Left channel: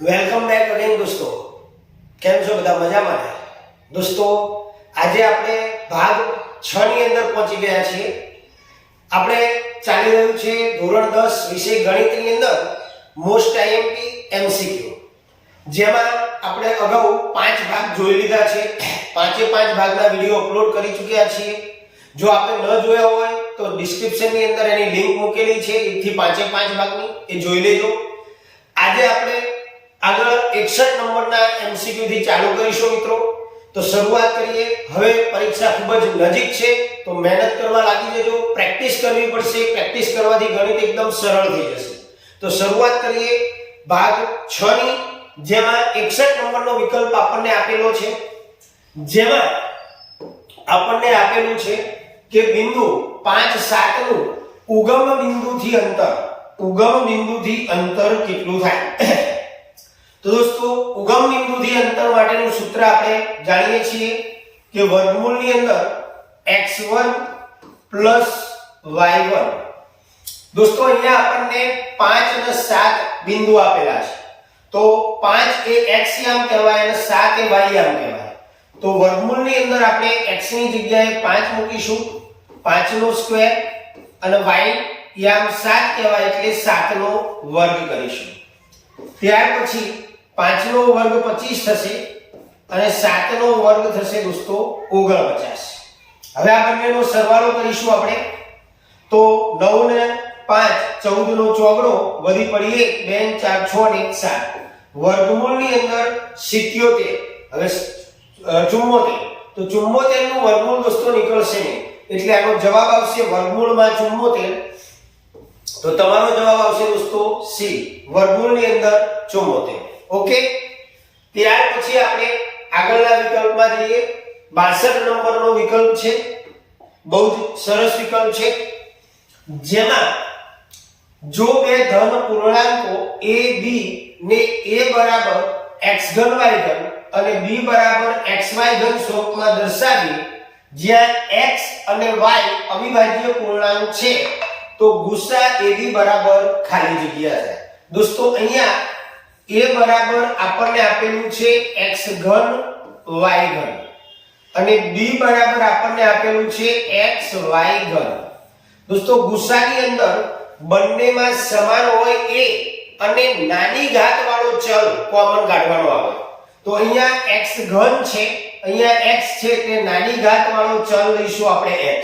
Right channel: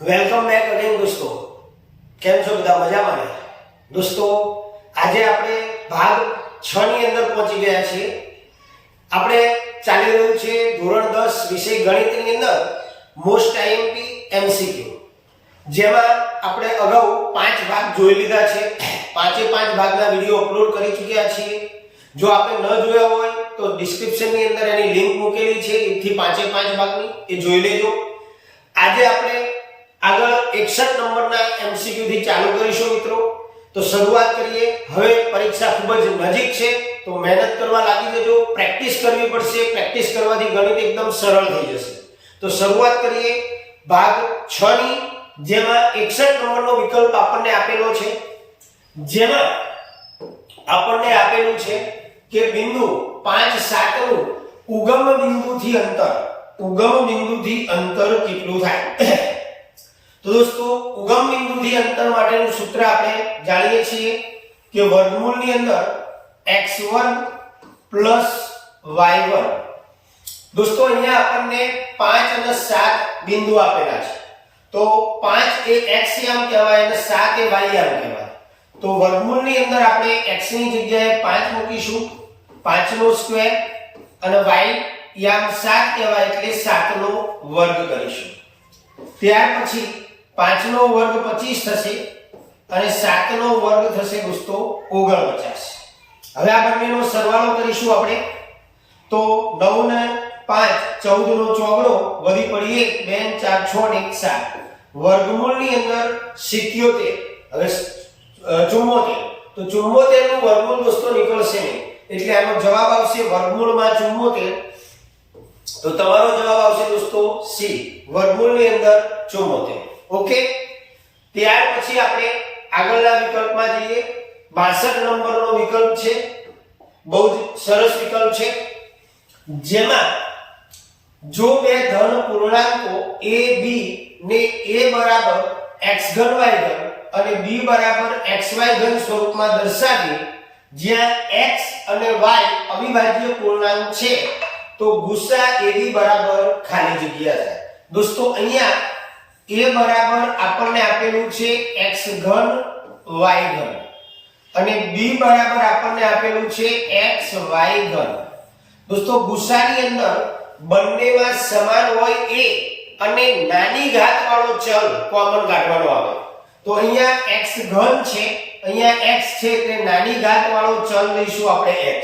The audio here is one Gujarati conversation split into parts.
વેલકમ બેક અગેન દોસ્તો. કેમ છો બધા? મજામાં ને? દોસ્તો, આજે આપણે ભાગ 6 ની અંદર પહોંચી ગયા છીએ. આપણે ચાલી રહ્યું છે ધોરણ 10 વિષય ગણિતની અંદર મોસ્ટ આઈએમપી એમસીક્યુ, જેમાં આપણે અગાઉ 5 ભાગ જોઈ લીધા છે. પાંચે 5 ભાગના વિડીયો અપલોડ કરી ચૂક્યા છીએ. જો આપણે ન જોયા હોય તો ડિસ્ક્રિપ્શનની અંદર એની લિંક મૂકેલી છે, એથી પાંચે 5 ભાગની એ જોઈ લેજો. આજે આપણે આગળ 61 નંબરના એમસીક્યુ થી ચાલુ કરીશું મિત્રો. તો શરૂઆત કરીએ. હવે પરીક્ષા ખૂબ જ નજીક છે, તો મહેનત કરવા લાગી જજો. પ્રેક્ટિસ કરવી પડશે. પ્રેક્ટિસ કરવાથી ગણિત એકદમ સરળ થઈ જશે. તો શરૂઆત કરીએ ભાગ 6 ની, જેમાં 61 નંબરનો વિકલ્પ આપણને આપેલો છે, જેમાં આપણને આપેલું છે કે બિંદુ 5 7 નું ઉગમ બિંદુથી અંતર કેટલું થાય? તો દોસ્તો, ઉગમ બિંદુથી અંતર માટેનું સૂત્ર આપણે જાણીએ છીએ કે વર્ગમૂળની અંદર x1 + y1. દોસ્તો, અહીંયા આપણને 5 અને 7 બિંદુ આપેલા છે. તો 5 એ x યામ કહેવાય અને 7 એ y યામ કહેવાય. તો વર્ગમૂળની અંદર આપણે x ની જગ્યાએ 5 મૂકીશું, 5 નો સ્ક્વેર, અને y યામ 7 કહેવાય એટલે 7 નો વર્ગ કરીશું. ત્યાર પછી 5 નો વર્ગ 25 થશે અને 7 નો વર્ગ થશે દોસ્તો 49. હવે આ બંનેનો સરવાળો કરીશું આપણે. તો 9 ને 5 14 નો ચોગડો, વધી પડી 1 2 4 6 ને 1 7. વર્ગમૂળની અંદર 77. હવે 74. તો 74 નું વર્ગમૂળ દોસ્તો નીકળશે નહીં, એટલે આનો જવાબ આવશે વર્ગમૂળમાં 74. તો તમારો જવાબ આવશે દોસ્તો સી, વર્ગમૂળની અંદર 74. ઓકે. ત્યાર પછી આપણે આગળના વિકલ્પમાં જઈએ. 62 નંબરનો વિકલ્પ છે, બહુ જ સરસ વિકલ્પ છે, જેમાં જો બે ધન પૂર્ણાંકો a b ને a બરાબર x3 y3 અને b બરાબર xy3 સ્વરૂપમાં દર્શાવીએ, જ્યાં x અને y અવિભાજ્ય પૂર્ણાંક છે, તો ગુસા AB બરાબર ખાલી જગ્યા થાય. દોસ્તો, અહીંયા a બરાબર આપણને આપેલું છે x3 y3 અને b બરાબર આપણને આપેલું છે xy3. દોસ્તો, ગુસાની અંદર બંનેમાં સમાન હોય a અને નાની ઘાત વાળો ચલ કોમન કાઢવાનો આવે. તો અહીંયા x3 છે, અહીંયા x છે, એટલે નાની ઘાત વાળો ચલ લઈશું આપણે x,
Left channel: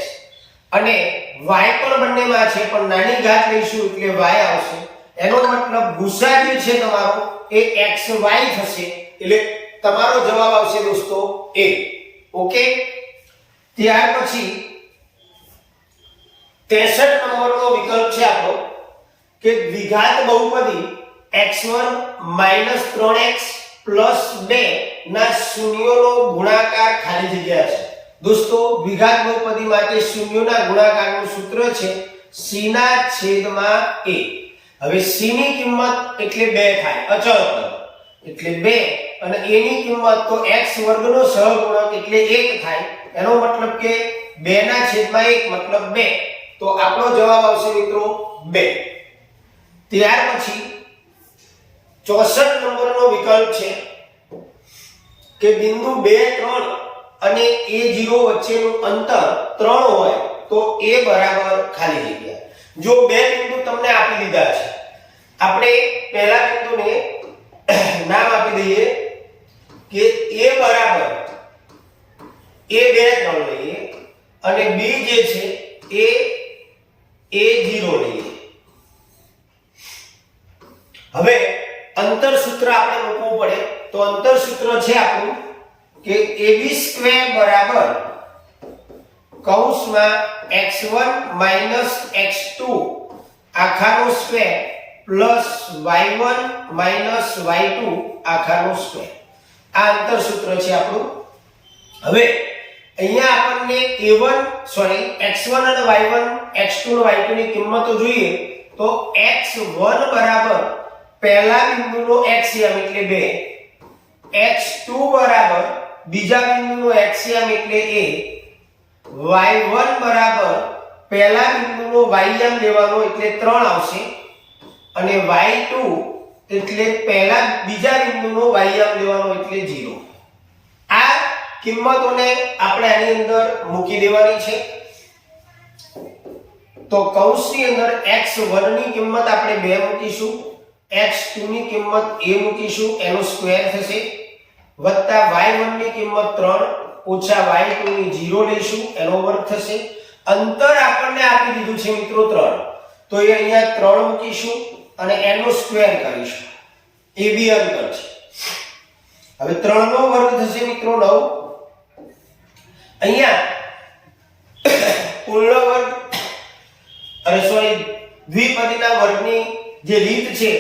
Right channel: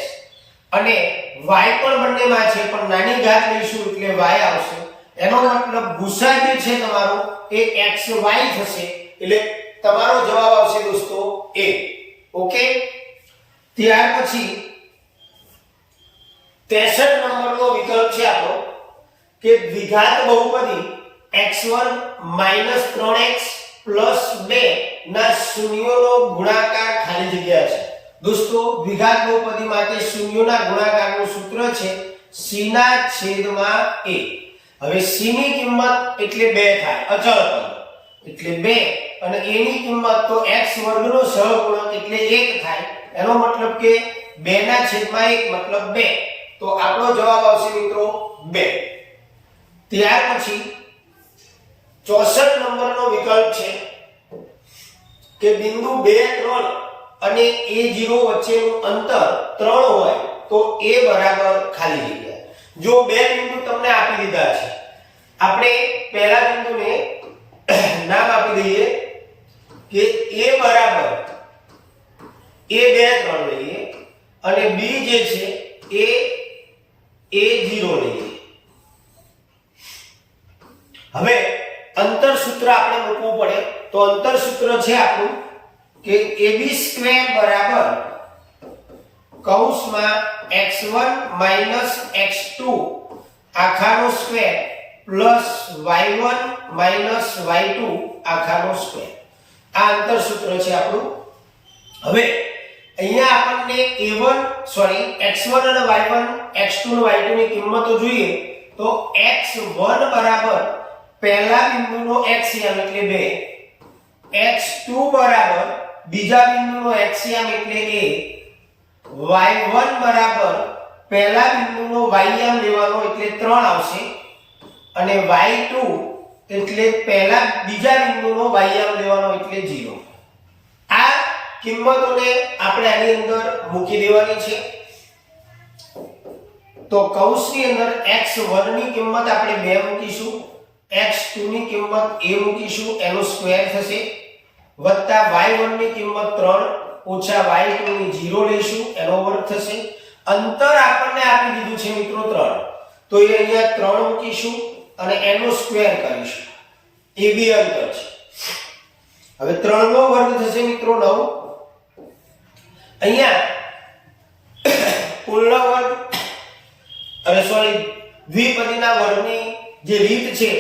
અને y પણ બંનેમાં છે પણ નાની ઘાત લઈશું એટલે y આવશે. એનો મતલબ ગુસા જે છે તમારો એ xy થશે, એટલે તમારો જવાબ આવશે દોસ્તો a. ઓકે. ત્યાર પછી 63 નંબરનો વિકલ્પ છે આપણો કે દ્વિઘાત બહુપદી x1 - 3x + 2 ના શૂન્યોનો ગુણાકાર ખાલી જગ્યા છે. દોસ્તો, દ્વિઘાત બહુપદી માટે શૂન્યોના ગુણાકારનું સૂત્ર છે c ના છેદમાં a. હવે c ની કિંમત એટલે 2 થાય, અચળ પદ એટલે 2, અને a ની કિંમત તો x² નો સહગુણક એટલે 1 થાય. એનો મતલબ કે 2 ના છેદમાં 1 મતલબ 2. તો આપણો જવાબ આવશે મિત્રો 2. ત્યાર પછી 64 નંબરનો વિકલ્પ છે કે બિંદુ 2 3 અને a0 વચ્ચેનું અંતર 3 હોય તો a બરાબર ખાલી જગ્યા. જો બે બિંદુ તમને આપી દીધા છે, આપણે પહેલા બિંદુને નામ આપી દઈએ કે a બરાબર a2 3 લઈએ, અને b જે છે એ a0 લઈએ. હવે અંતર સૂત્ર આપણે મૂકવું પડે. તો અંતર સૂત્ર છે આપણું કે ab² બરાબર કૌંસમાં x1 - x2 આખાનો સ્ક્વેર પ્લસ y1 - y2 આખાનો સ્ક્વેર. આ અંતર સૂત્ર છે આપણું. હવે અહીંયા આપણને x1 અને y1 x2 અને y2 ની કિંમતો જોઈએ. તો x1 બરાબર પહેલા બિંદુનો x યામ એટલે 2, x2 બરાબર બીજા બિંદુનો x યામ એટલે a, y1 બરાબર પહેલા બિંદુનો y યામ લેવાનો એટલે 3 આવશે, અને y2 એટલે પહેલા બીજા બિંદુનો વાયમ લેવાનો એટલે 0. આ કિંમતોને આપણે આની અંદર મૂકી દેવાની છે. તો કૌંસની અંદર x1 ની કિંમત આપણે 2 મૂકીશું, x2 ની કિંમત a મૂકીશું, એનો સ્ક્વેર થશે, વત્તા y1 ની કિંમત 3 ઓછા y2 ની 0 લઈશું, એનો વર્ગ થશે. અંતર આપણને આપી દીધું છે મિત્રો 3, તો એ અહીંયા 3 મૂકીશું અને એનો સ્ક્વેર કરીશું. એ બી અંતર છે. હવે 3 નો વર્ગ થશે મિત્રો 9. અહીંયા કુલનો વર્ગ અને દ્વિપદીના વર્ગની જે રીત છે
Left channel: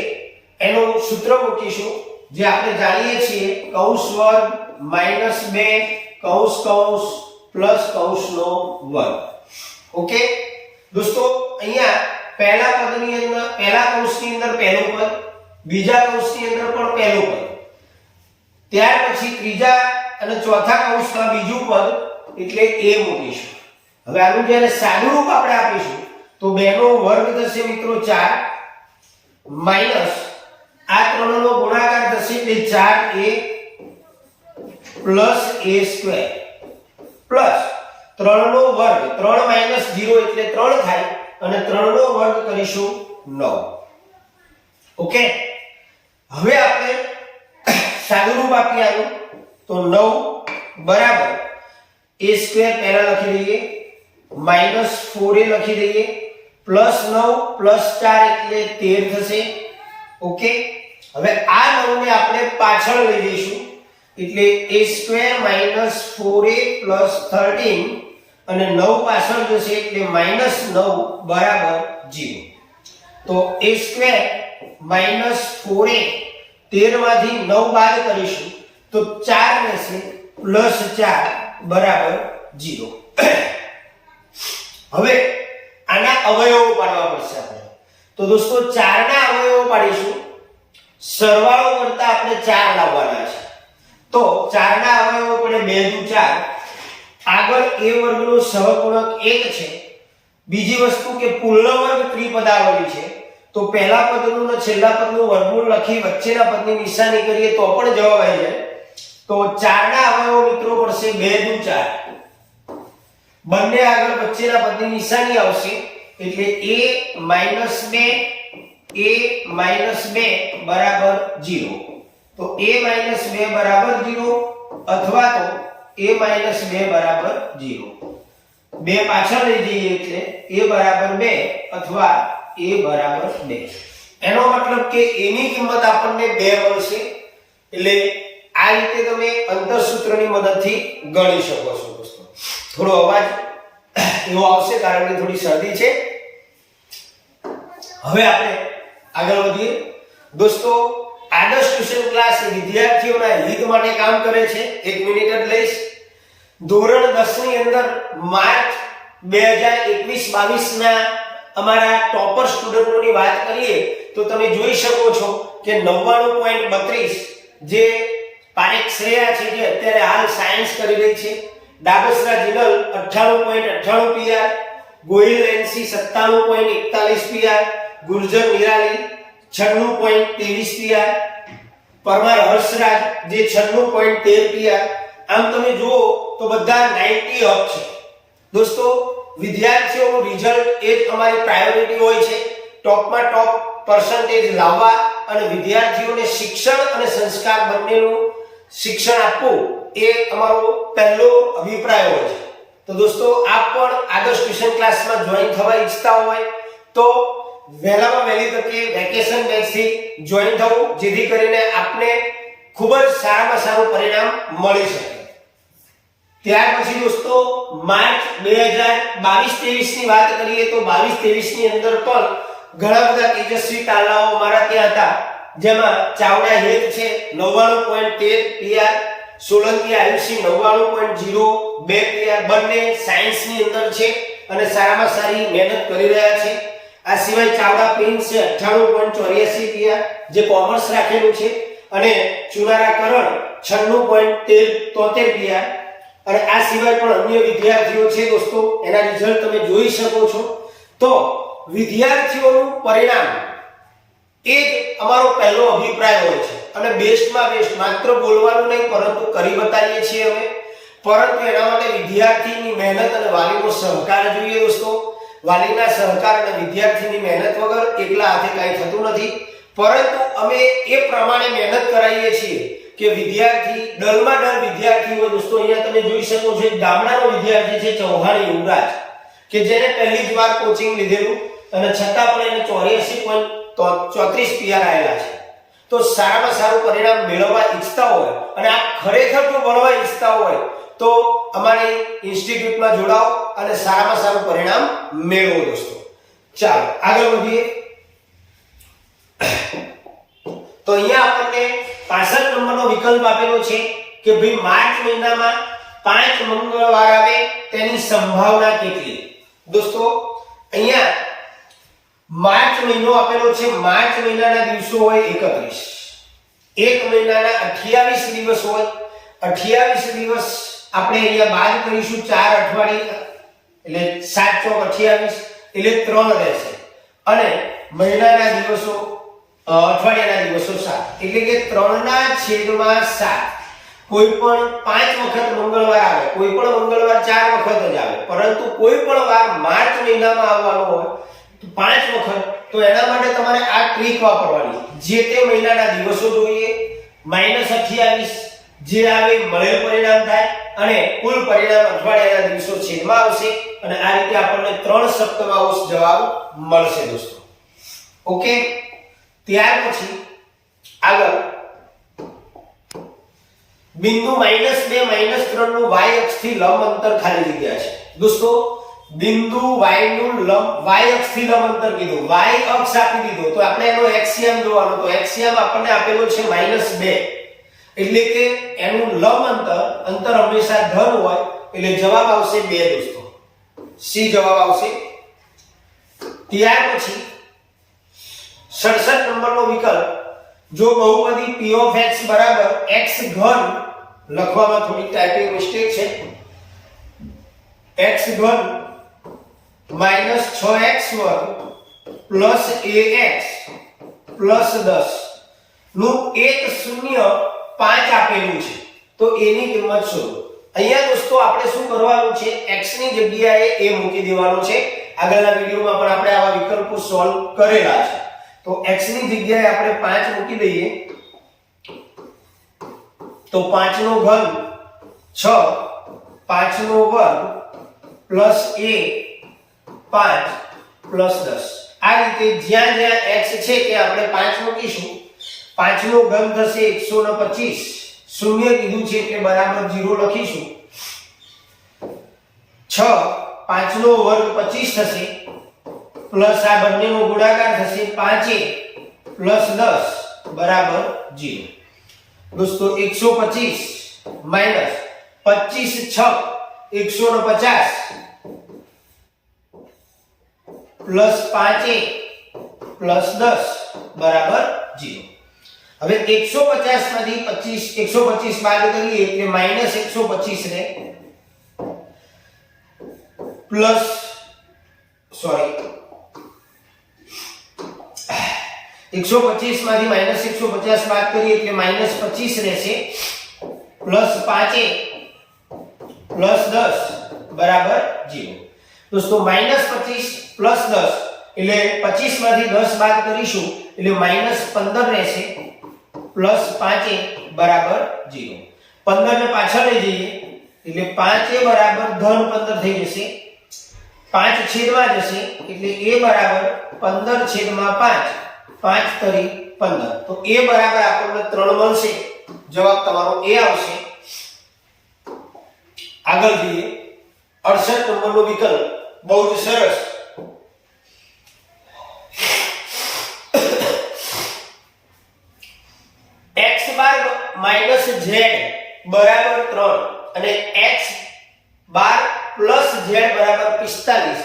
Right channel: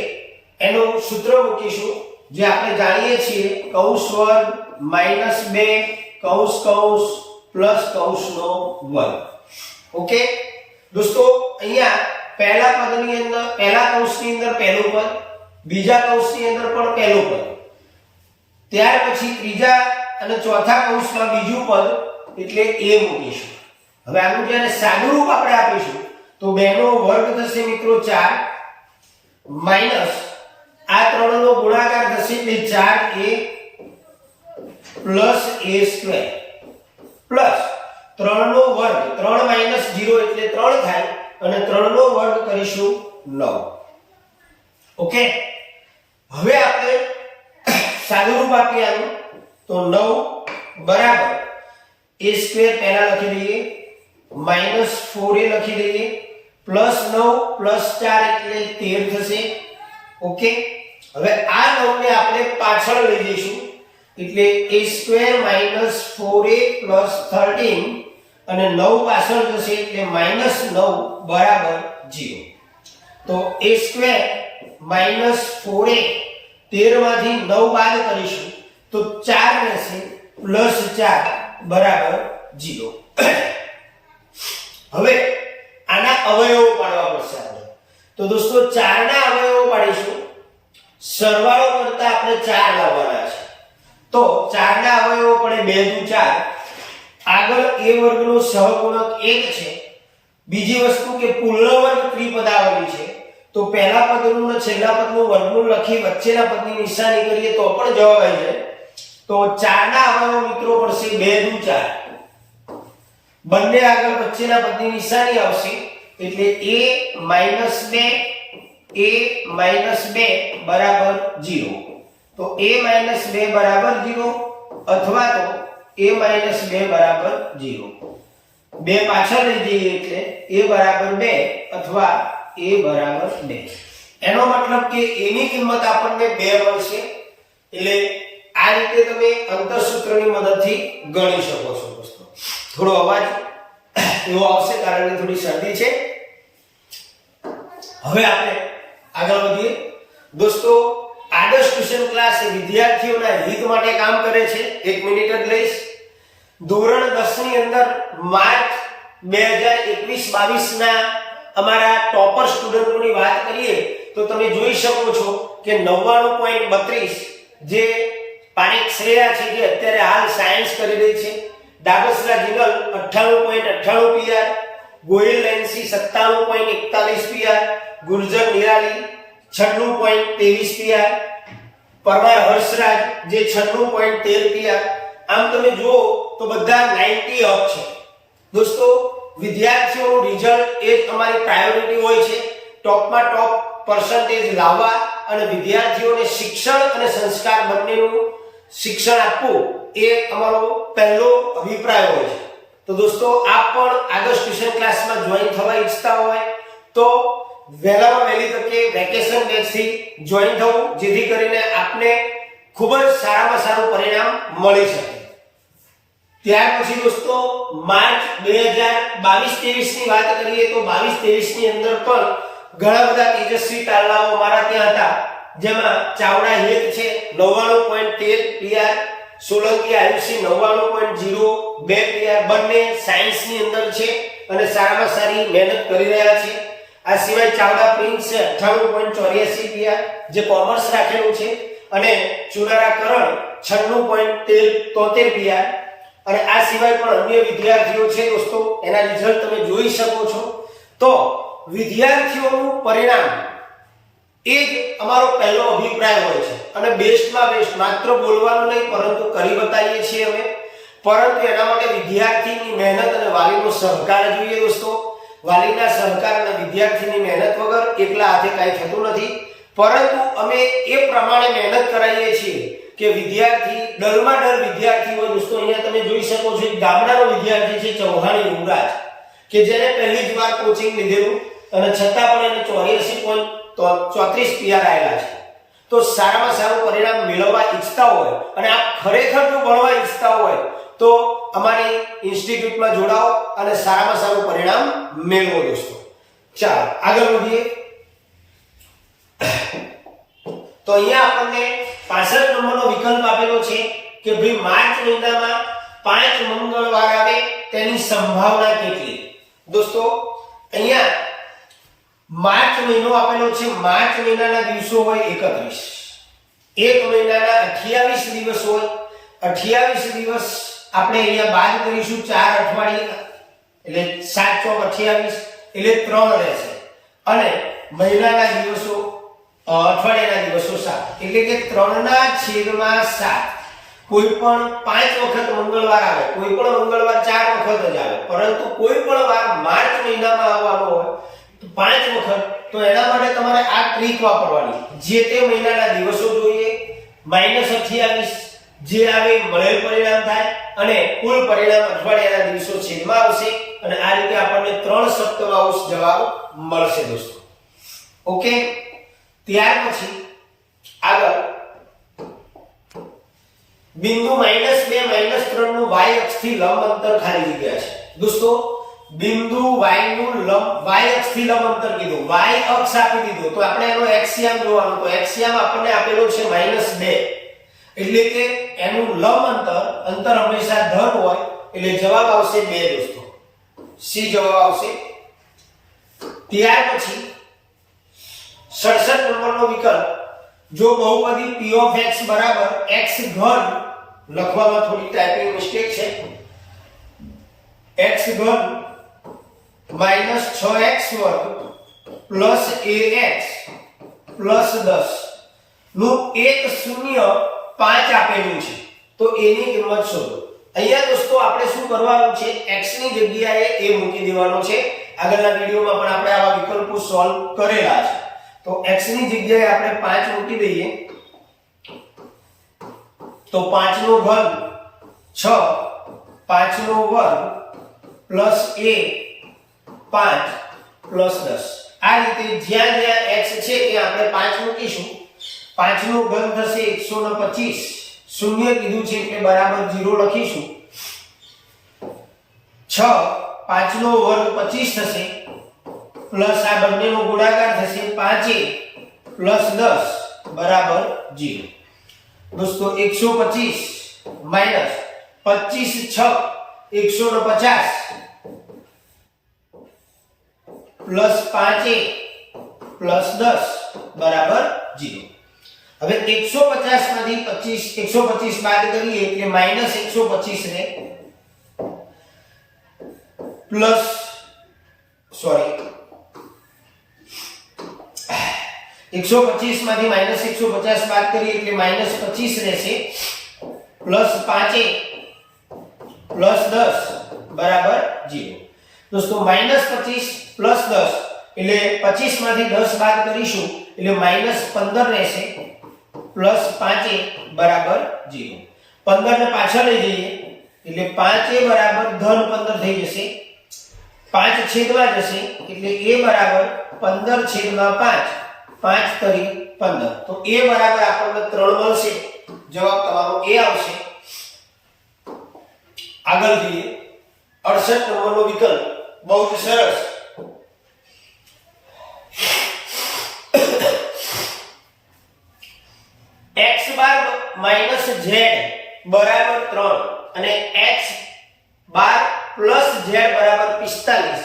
એનું સૂત્ર મૂકીશું, જે આપણે જાણીએ છીએ કૌંસ વર્ગ માઈનસ 2 કૌંસ કૌંસ પ્લસ કૌંસનો વર્ગ. ઓકે દોસ્તો, અહીંયા પહેલા પદની અંદર પહેલા કૌંસની અંદર પહેલું પદ, બીજા કૌંસની અંદર પણ પહેલું પદ, ત્યાર પછી ત્રીજા અને ચોથા કૌંસમાં બીજું પદ એટલે a મૂકીશું. હવે આનું જ્યારે સાદું રૂપ આપણે આપીશું તો 2 નો વર્ગ થશે મિત્રો 4 માઈનસ આ 3 નો ગુણાકાર થશે એટલે 4a plus a square plus 3 નો વર્ગ, 3 માઈનસ 0 એટલે 3 થાય અને 3 નો વર્ગ કરીશું 9. ઓકે, હવે આપણે સાદું રૂપ આપીએ આનું તો 9 બરાબર a સ્ક્વેર પહેલા લખી દઈએ, માઈનસ 4a લખી દઈએ, પ્લસ 9 પ્લસ 4 એટલે 13 થશે. ઓકે, હવે આ 9 ને આપણે પાછળ લઈ જઈશું એટલે a square minus 4a plus 13 અને 9 પાછળ જશે એટલે માઈનસ 9 બરાબર 0. તો a સ્ક્વેર માઈનસ 4a 13 માંથી 9 બાદ કરીશું તો 4 રહેશે પ્લસ 4 બરાબર 0. હવે આના અવયવો પાડવા પડશે આપણે. તો દોસ્તો 4 ના અવયવો પાડીશું, સરવાળો કરતા આપણે 4 લાવવાના છે. તો 4 ના અવયવો પડે 2 દુ 4. આગળ a વર્ગનો સહગુણક 1 છે. બીજી વસ્તુ કે પૂર્ણ વર્ગ ત્રિપદાવલી છે, તો પહેલા પદનું અને છેલ્લા પદનું વર્ગમૂળ લખી વચ્ચેના પદની નિશાની કરીએ તો પણ જવાબ આવી જાય. તો 4 ના અવયવો મિત્રો પડશે 2 દુ 4. બંને આગળ વચ્ચેના પદની નિશાની આવશે એટલે a માઈનસ 2 બરાબર 0. તો a માઈનસ 2 બરાબર 0 અથવા તો a માઈનસ 2 બરાબર 0. 2 પાછળ લઈ જઈએ એટલે a બરાબર 2 અથવા a બરાબર 2. એનો મતલબ કે a ની કિંમત આપણને 2 મળશે. એટલે આ રીતે તમે અંતરસૂત્રની મદદથી ગણી શકો છો દોસ્તો. થોડો અવાજ એવો આવશે કારણ કે થોડી શરદી છે. હવે આપણે આગળ વધીએ દોસ્તો. આદર્શ ટ્યુશન ક્લાસ વિદ્યાર્થીઓના હિત માટે કામ કરે છે. 1 મિનિટ જ લઈશ. ધોરણ 10 ની અંદર માર્ચ 2021-22 ના અમારા ટોપર સ્ટુડન્ટોની વાત કરીએ તો તમે જોઈ શકો છો કે 99.32 જે પારેખ શ્રેયા છે, જે અત્યારે હાલ સાયન્સ કરી રહી છે, Dabsara Jinal 98.98 PR, Gohil NC 97.41 PR, Gurjar Nirali 96.23 PR, Parmar Harshraj J 96.13 PR. આમ તમે જુઓ તો બધા 90 અપ છે. દોસ્તો, વિદ્યાર્થીઓનું રિઝલ્ટ એ જ અમારી પ્રાયોરિટી હોય છે. ટોપમાં ટોપ પર્સન્ટેજ લાવવા અને વિદ્યાર્થીઓને શિક્ષણ અને સંસ્કાર બંનેનું શિક્ષણ આપવું એ અમારો પહેલો અભિપ્રાય હોય છે. તો દોસ્તો, આપ પણ આદર્શ ટ્યુશન ક્લાસમાં જોઈન થવા ઈચ્છતા હોય તો વહેલામાં વહેલી તકે વેકેશન બેચથી જોઈન થવું, જેથી કરીને આપને ખૂબ જ સારામાં સારું પરિણામ મળી શકે. ત્યાર પછી દોસ્તો માર્ચ 2022-23 ની વાત કરીએ તો 22-23 ની અંદર પણ ઘણા બધા તેજસ્વી તારલાઓ અમારા ત્યાં હતા, જેમાં ચાવડા હેત છે 99.13 પીઆર, સોલંકી આયુષી 99.02 પીઆર, બંને સાયન્સની અંદર છે અને સારામાં સારી મહેનત કરી રહ્યા છે. આ સિવાય ચાવડા પ્રિન્સ છે 98.84 પીઆર, જે કોમર્સ રાખેલું છે, અને ચુનારા કરણ 96.73 પીઆર. અને આ સિવાય પણ અન્ય વિદ્યાર્થીઓ છે દોસ્તો, એના રિઝલ્ટ તમે જોઈ શકો છો. તો વિદ્યાર્થીઓનું પરિણામ એ જ અમારો પહેલો અભિપ્રાય હોય છે અને બેસ્ટમાં બેસ્ટ માત્ર બોલવાનું નહીં પરંતુ કરી બતાવીએ છીએ અમે, પરંતુ એના માટે વિદ્યાર્થીની મહેનત અને વાલીનો સહકાર જોઈએ દોસ્તો. વાલીના સહકાર અને વિદ્યાર્થીની મહેનત વગર એકલા હાથે કાંઈ થતું નથી, પરંતુ અમે એ પ્રમાણે મહેનત કરાવીએ છીએ કે વિદ્યાર્થી ડરમાં ડર વિદ્યાર્થી હોય દોસ્તો. અહીંયા તમે જોઈ શકો છો એક ગામડાનો વિદ્યાર્થી છે ચૌહાણ યુવરાજ, કે જેને પહેલી જ વાર કોચિંગ લીધેલું અને છતાં પણ એને 84.34 PR આવેલા છે. તો સારામાં સારું પરિણામ મેળવવા ઈચ્છતા હોય અને આપ ખરેખર જો ભણવા ઈચ્છતા હોય તો અમારી ઇન્સ્ટિટ્યૂટમાં જોડાઓ અને સારામાં સારું પરિણામ મેળવો દોસ્તો. ચાલો આગળ વધીએ. તો અહીંયા આપણને 65 નંબરનો વિકલ્પ આપેલો છે કે ભાઈ માર્ચ મહિનામાં 5 મંગળવાર આવે તેની સંભાવના કેટલી. દોસ્તો અહીંયા માર્ચ મહિનો આપેલો છે. માર્ચ મહિનાના દિવસો હોય 31, એક મહિનાના 28 દિવસ હોય. 28 દિવસ આપણે અહીંયા બાદ કરીશું 4 અઠવાડિયા એટલે 7 ચોક 28 એટલે 3 રહેશે અને મહિનાના દિવસો અઠવાડિયાના દિવસો 7 એટલે કે 3/7. કોઈ પણ 5 વખત મંગળવાર આવે, કોઈ પણ મંગળવાર 4 વખત જ આવે, પરંતુ કોઈ પણ વાર માર્ચ મહિનામાં આવવાનો હોય તો 5 વખત. તો એના માટે તમારે આ ટ્રીક વાપરવાની. જે તે મહિનાના દિવસો જોઈએ -28 જે આવે મળેલ પરિણામ થાય અને કુલ પરિણામ અઠવાડિયાના દિવસો છેદમાં આવશે અને આ રીતે આપણને 3/7 જવાબ મળશે દોસ્તો. ઓકે. ત્યાર પછી આગળ બિંદુ -2 -3 નું y અક્ષથી લંબ અંતર ખાલી જગ્યા છે દોસ્તો. બિંદુ y નું y અક્ષથી લંબ અંતર કીધું, y અક્ષ આપી દીધો તો આપણે એનો એક્સિયમ જોવાનો. તો એક્સિયમ આપણને આપેલો છે -2 એટલે કે એનું લંબ અંતર હંમેશા ધન હોય એટલે જવાબ આવશે 2 દોસ્તો. સી જવાબ આવશે. ત્યાર પછી 67 નંબરનો વિકલ્પ, જો બહુપદી p of x બરાબર x ઘન, લખવામાં થોડી ટાઈપિંગ મિસ્ટેક છે, x ઘન -6x વર્ગ ax 10 નું 105 આપેલું છે તો એની કિંમત શોધો. અહીંયા દોસ્તો આપણે શું કરવાનું છે, x ની જગ્યાએ a મૂકી દેવાનો છે. આગળના વિડિયોમાં પણ આપણે આવા વિકલ્પો સોલ્વ કરેલા છે. તો x ની જગ્યાએ આપણે 5 મૂકી દઈએ તો 5 નો ઘન 6, 5 નો વર્ગ પ્લસ a 5 પ્લસ 10. આ રીતે જ્યાં જ્યાં x છે ત્યાં આપણે 5 મૂકીશું. 5 નો ઘન થશે 125, શૂન્ય કીધું છે એટલે બરાબર 0 લખીશું. 6, 5 નો વર્ગ 25 થશે પ્લસ આ બંનેનો ગુણાકાર થશે 5a પ્લસ 10 બરાબર 0. દોસ્તો 125 માઈનસ 25 6 150 પ્લસ 5a પ્લસ 10 બરાબર 0. હવે 150 માંથી 125 બાદ કરીએ એટલે -125 ને પ્લસ 125 માંથી -150 બાદ કરીએ એટલે -25 રહેશે પ્લસ 5a પ્લસ 10 બરાબર 0. દોસ્તો -25 પ્લસ 10 એટલે 25 માંથી 10 બાદ કરીશું એટલે -15 રહેશે પ્લસ 5a બરાબર 0. 15 ને પાછળ લઈ જઈએ એટલે 5a બરાબર ધન 15 થઈ જશે. 5 છેદમાં જશે એટલે a બરાબર 15 છેદમાં 5, 5 તરી 15. તો a બરાબર આપણને 3 મળશે. જવાબ તમારો a આવશે. આગળ જઈએ 68 નંબરનો વિકલ્પ, બહુ જ સરસ. x બાર માઈનસ z બરાબર 3 અને x બાર પ્લસ z બરાબર 45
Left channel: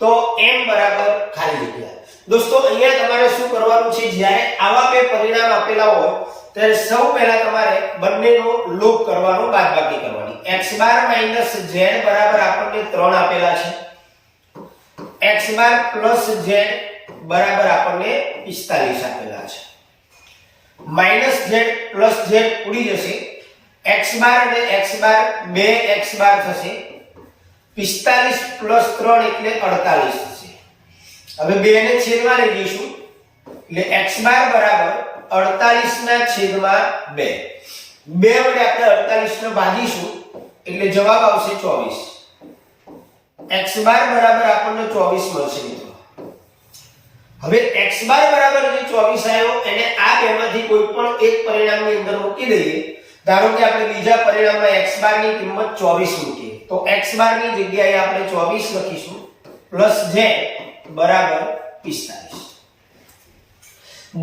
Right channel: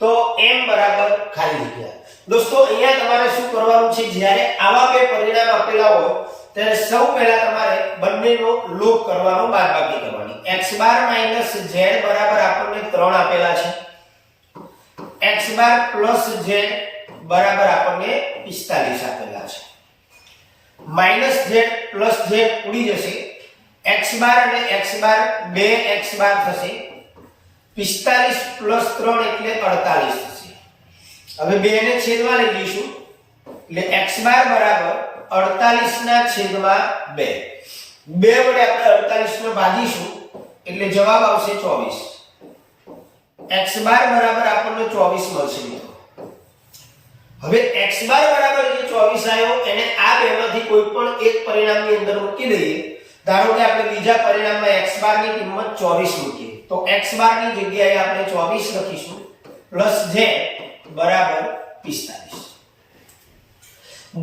તો m બરાબર ખાલી જગ્યા. દોસ્તો અહીંયા તમારે શું કરવાનું છે, જ્યારે આવા બે પરિણામ આપેલા હોય ત્યારે સૌ પહેલા તમારે બંનેનો લોપ કરવાનો, બાદબાકી કરવાની. x બાર માઈનસ z બરાબર આપણને 3 આપેલા છે, x બાર પ્લસ z બરાબર આપણને 45 આપેલા છે. -z + z ઉડી જશે, x બાર અને x બાર 2x બાર થશે, 45 + 3 એટલે 48 થશે. હવે 2 ને છેદમાં લઈ જઈશું એટલે x બાર બરાબર 48/2. 2 વડે આપણે 48 ને ભાગીશું એટલે જવાબ આવશે 24. x બાર બરાબર આપણને 24 મળશે મિત્રો. હવે x બાર બરાબર જે 24 આવ્યો એને આ બેમાંથી કોઈ પણ એક પરિણામની અંદર મૂકી દઈએ. ધારો કે આપણે બીજા પરિણામમાં x બાર ની કિંમત 24 મૂકીએ તો x બાર ની જગ્યાએ આપણે 24 લખીશું + z બરાબર 45.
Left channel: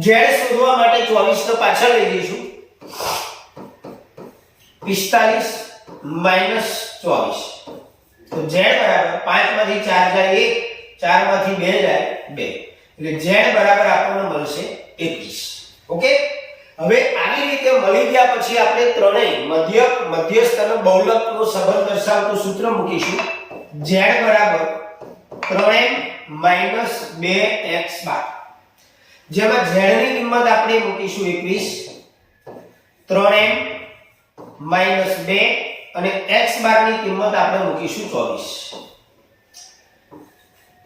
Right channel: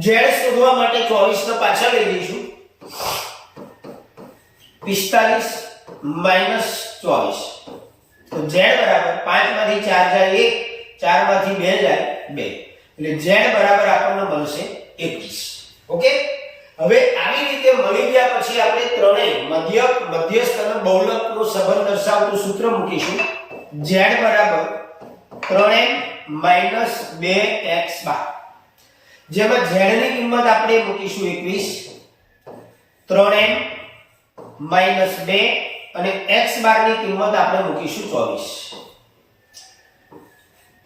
z શોધવા માટે 24 ને પાછળ લઈ જઈશું. 45 - 24 તો z બરાબર 5 માંથી 4 જાય 1, 4 માંથી 2 જાય 2 એટલે z બરાબર આપણને મળશે 21. ઓકે. હવે આવી રીતે મળી ગયા પછી આપણે ત્રણેય મધ્યસ્થ અને બહુલકનો સંબંધ દર્શાવતું સૂત્ર મૂકીશું. z બરાબર 3m - 2x બાર, જેમાં z ની કિંમત આપણે મૂકીશું 21, 3m - 2 અને x બાર ની કિંમત આપણે મૂકીશું 24.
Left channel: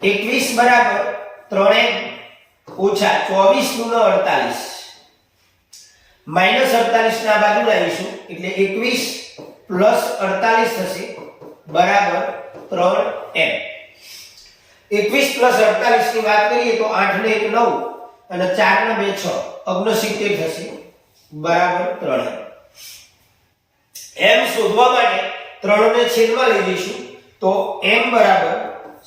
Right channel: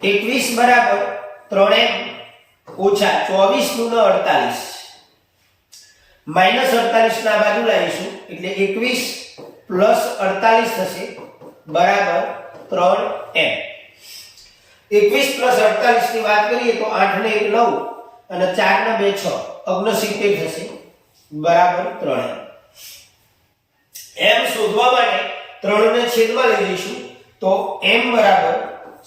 21 બરાબર 3m - 24 * 48 -48 ના બાજુ લાવીશું એટલે 21 + 48 થશે બરાબર 3m. 21 + 48 ની વાત કરીએ તો 8 ને 1 9 અને 4 ને 2 6 69 થશે બરાબર 3m. m શોધવા માટે 3 ને છેદમાં લઈ જઈશું તો m બરાબર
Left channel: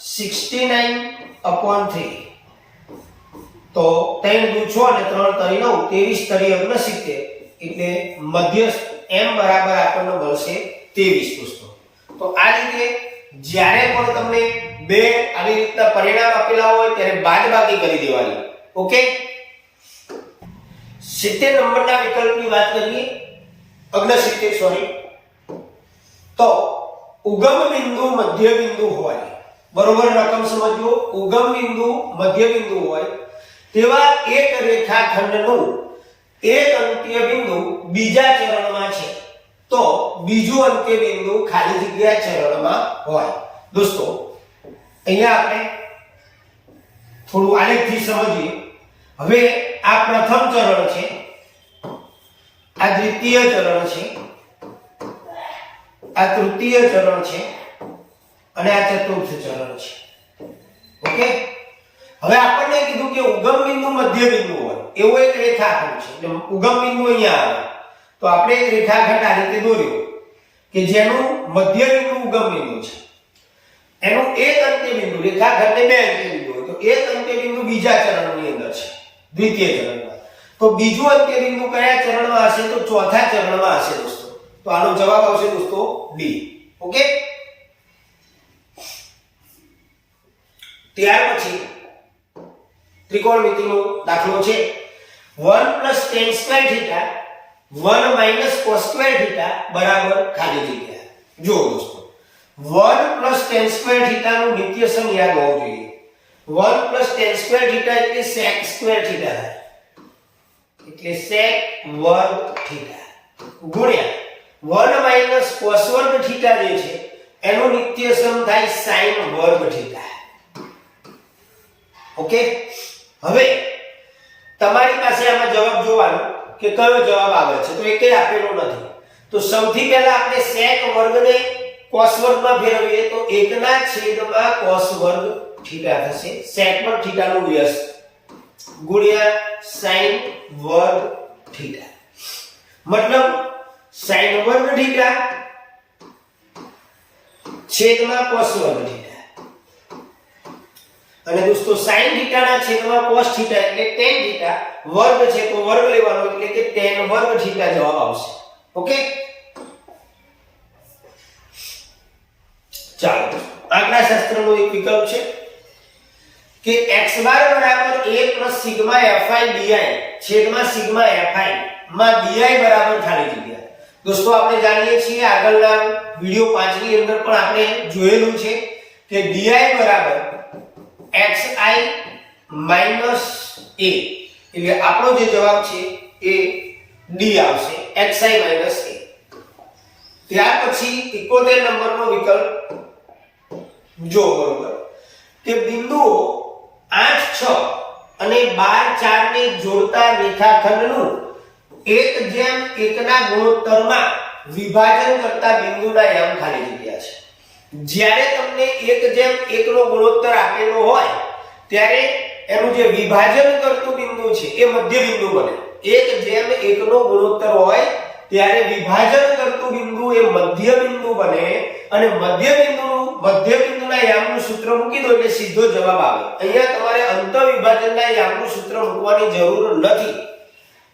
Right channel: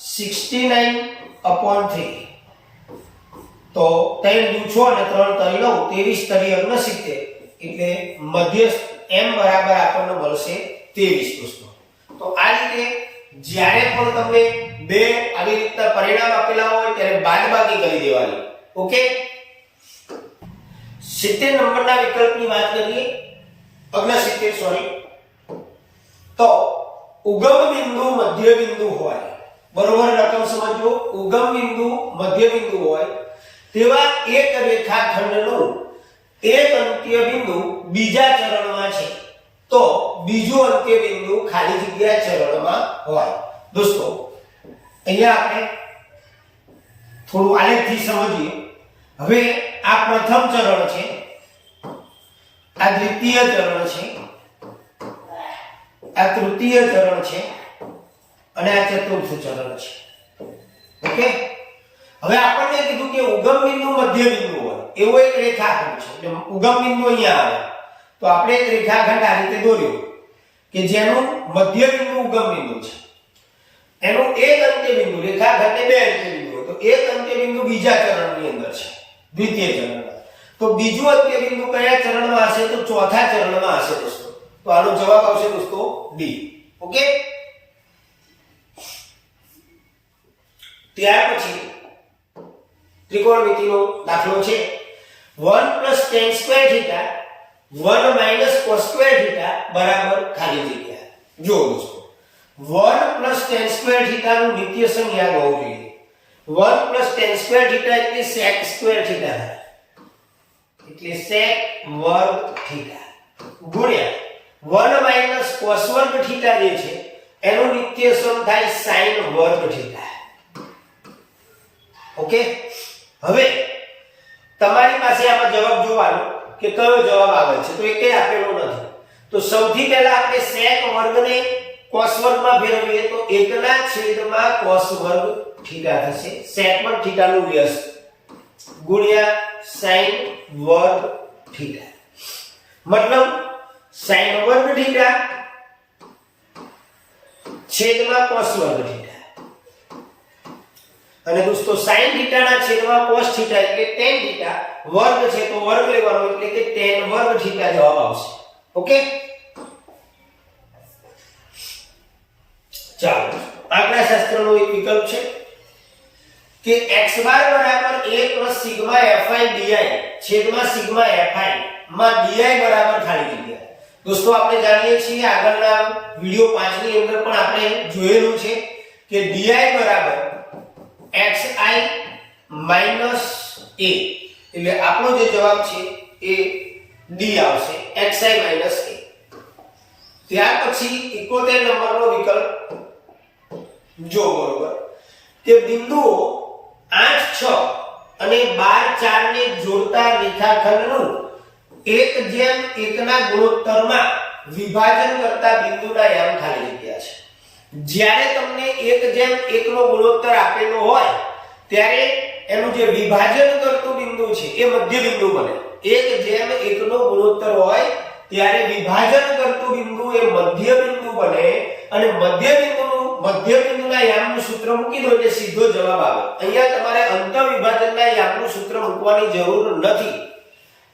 69/3. તો 3 દુ 6 અને 3 તરી 9 23 તરી 69 એટલે મધ્યસ્થ m બરાબર આપણને મળશે 23 દોસ્તો. તો આ રીતે જ્યારે પણ તમને બે આવી રીતના પરિણામ આપેલા હોય ત્યારે બાદબાકી કરી દેવાની. ઓકે. 70 નંબરના વિકલ્પની વાત કરીએ, 69 સોરી. તો ઉગમ બિંદુ મધ્ય બિંદુ હોય, બરોબર રકમ સમજો, ઉગમ બિંદુ મધ્ય બિંદુ હોય તેવા એક રેખાખંડનું એક અંત્ય બિંદુ બીજા ચરણમાં છે તો બીજું અંત્ય બિંદુ ખાલી જગ્યા ચરણમાં હોય. દોસ્તો અહીંયા આપણે થોડું આલેખથી સમજીએ. હવે આ પ્રથમ ચરણ છે, આ દ્વિતીય ચરણ છે, આ તૃતીય ચરણ છે અને આ ચતુર્થ ચરણ છે. ઓકે. હવે આપણને કીધું કે ઉગમ બિંદુ મધ્ય બિંદુ હોય એવો એક રેખાખંડ છે. એટલે ઉગમ બિંદુ અહીંયા આવે તો આપણે એક રેખાખંડ આ રીતે દોર્યો કે જેનું મધ્ય બિંદુ ઉગમ બિંદુ છે, એનું એક અંત્ય બિંદુ, રેખાખંડને બે અંત્ય બિંદુ હોય તો એક અંત્ય બિંદુ બીજા ચરણની અંદર છે, દ્વિતીય ચરણમાં. તો બીજું અંત્ય બિંદુ કયા ચરણમાં હશે? તો ચોથા ચરણમાં હશે દોસ્તો. તો આનો જવાબ આવશે દોસ્તો ડી. ઓકે. ત્યાર પછી ત્રિકોણમિતિનો દાખલો છે 1 + tan² θ 1 - cos² θ બરાબર ખાલી જગ્યા. જો દોસ્તો 1 + tan² θ નું નિત્યસમ યાદ હોવું જોઈએ. 1 + tan² θ એટલે sec² θ થાય, એટલે sec² θ ગુણ્યા 1 - cos² θ જે છે એનું નિત્યસમ થાય sin² θ. ઓકે. હવે તમારી પાસે આમાં જવાબ જોવાનો કે કયો જવાબ આવે છે, તો એકેય આપેલો નથી. તો સૌથી પહેલા આપણે sec² ને cos² માં ફેરવીએ તો 1/cos² θ થશે. sec પર θ નું વ્યસ્ત ગુણ્યા sin² θ, મતલબ sin² θ છેદમાં cos² θ. અને દોસ્તો sin θ ના છેદમાં cos θ એટલે tan θ, વર્ગ છે તો વર્ગ લેવાનો એટલે કે tan² θ જવાબ આવશે. ઓકે. ચાલો આંકડા શાસ્ત્રનો એક વિકલ્પ છે કે x બાર બરાબર a + સિગ્મા fi di છેદમાં સિગ્મા fi માં di બરાબર ખાલી જગ્યા. દોસ્તો આપણે જાણીએ છીએ આગળના વિડિયો 5 ની અંદર પણ આપણે જોયેલું છે કે di બરાબર xi માઈનસ a, એટલે આપણો જે જવાબ છે એ ડી આવશે, xi માઈનસ a. ત્યાર પછી 71 નંબરનો વિકલ્પ જો બરોબર કે બિંદુઓ 8 6 અને 12 4 ને જોડતા રેખાખંડનું 1:1 ના ગુણોત્તરમાં વિભાજન કરતા બિંદુના યામ ખાલી જગ્યા છે. જ્યારે તમને 1:1 નો ગુણોત્તર આપેલો હોય ત્યારે એનું જે વિભાજન કરતું બિંદુ છે એ મધ્ય બિંદુ બને. 1:1 નો ગુણોત્તર હોય ત્યારે વિભાજન કરતું બિંદુ એ મધ્ય બિંદુ બને અને મધ્ય બિંદુના યામનું સૂત્ર મૂકી દો એટલે સીધો જવાબ આવે. અહીંયા તમારે અંત વિભાજનના યામનું સૂત્ર મૂકવાની જરૂર નથી,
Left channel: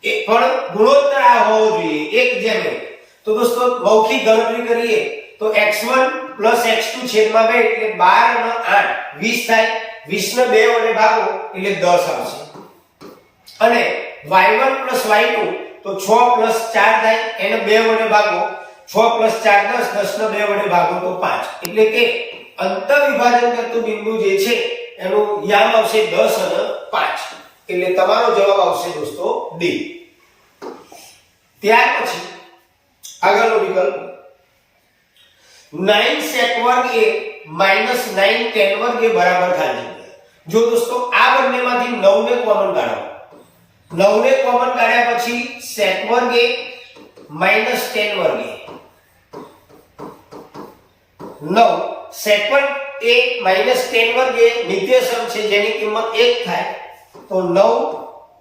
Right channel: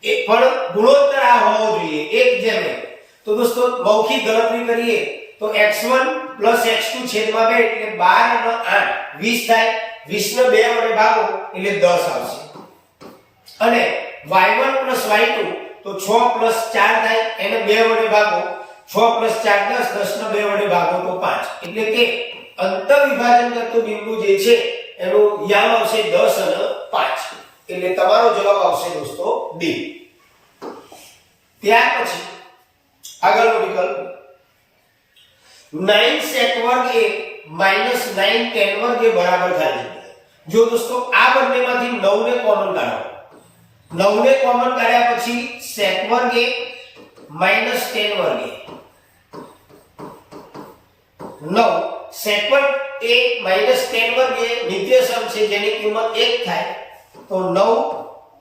એ પણ ગુણોત્તર આ હોવો જોઈએ 1:1. તો દોસ્તો મૌખિક ગણતરી કરીએ તો x1 x2 છેદમાં 2 એટલે 12 અને 8 20 થાય. 20 ને 2 વડે ભાગો એટલે 10 આવશે. અને y1 y2 તો 6 4 થાય, એને 2 વડે ભાગો 6 4 10, 10 ને 2 વડે ભાગો તો 5. એટલે કે અંત વિભાજન કરતું બિંદુ જે છે એનું યામ આવશે 10 અને 5. એટલે તમારો જવાબ આવશે દોસ્તો D. ત્યાર પછી આગળનો વિકલ્પ 9 sec વર્ગ a minus 9 tan વર્ગ a બરાબર ખાલી જગ્યા. જો દોસ્તો આ બંનેમાંથી 9 ને કોમન કાઢો, 9 ને કોમન કાઢ્યા પછી sec વર્ગ a minus tan વર્ગ a, 9 sec વર્ગ a minus tan વર્ગ a નિત્યસમ છે જેની કિંમત 1 થાય તો 9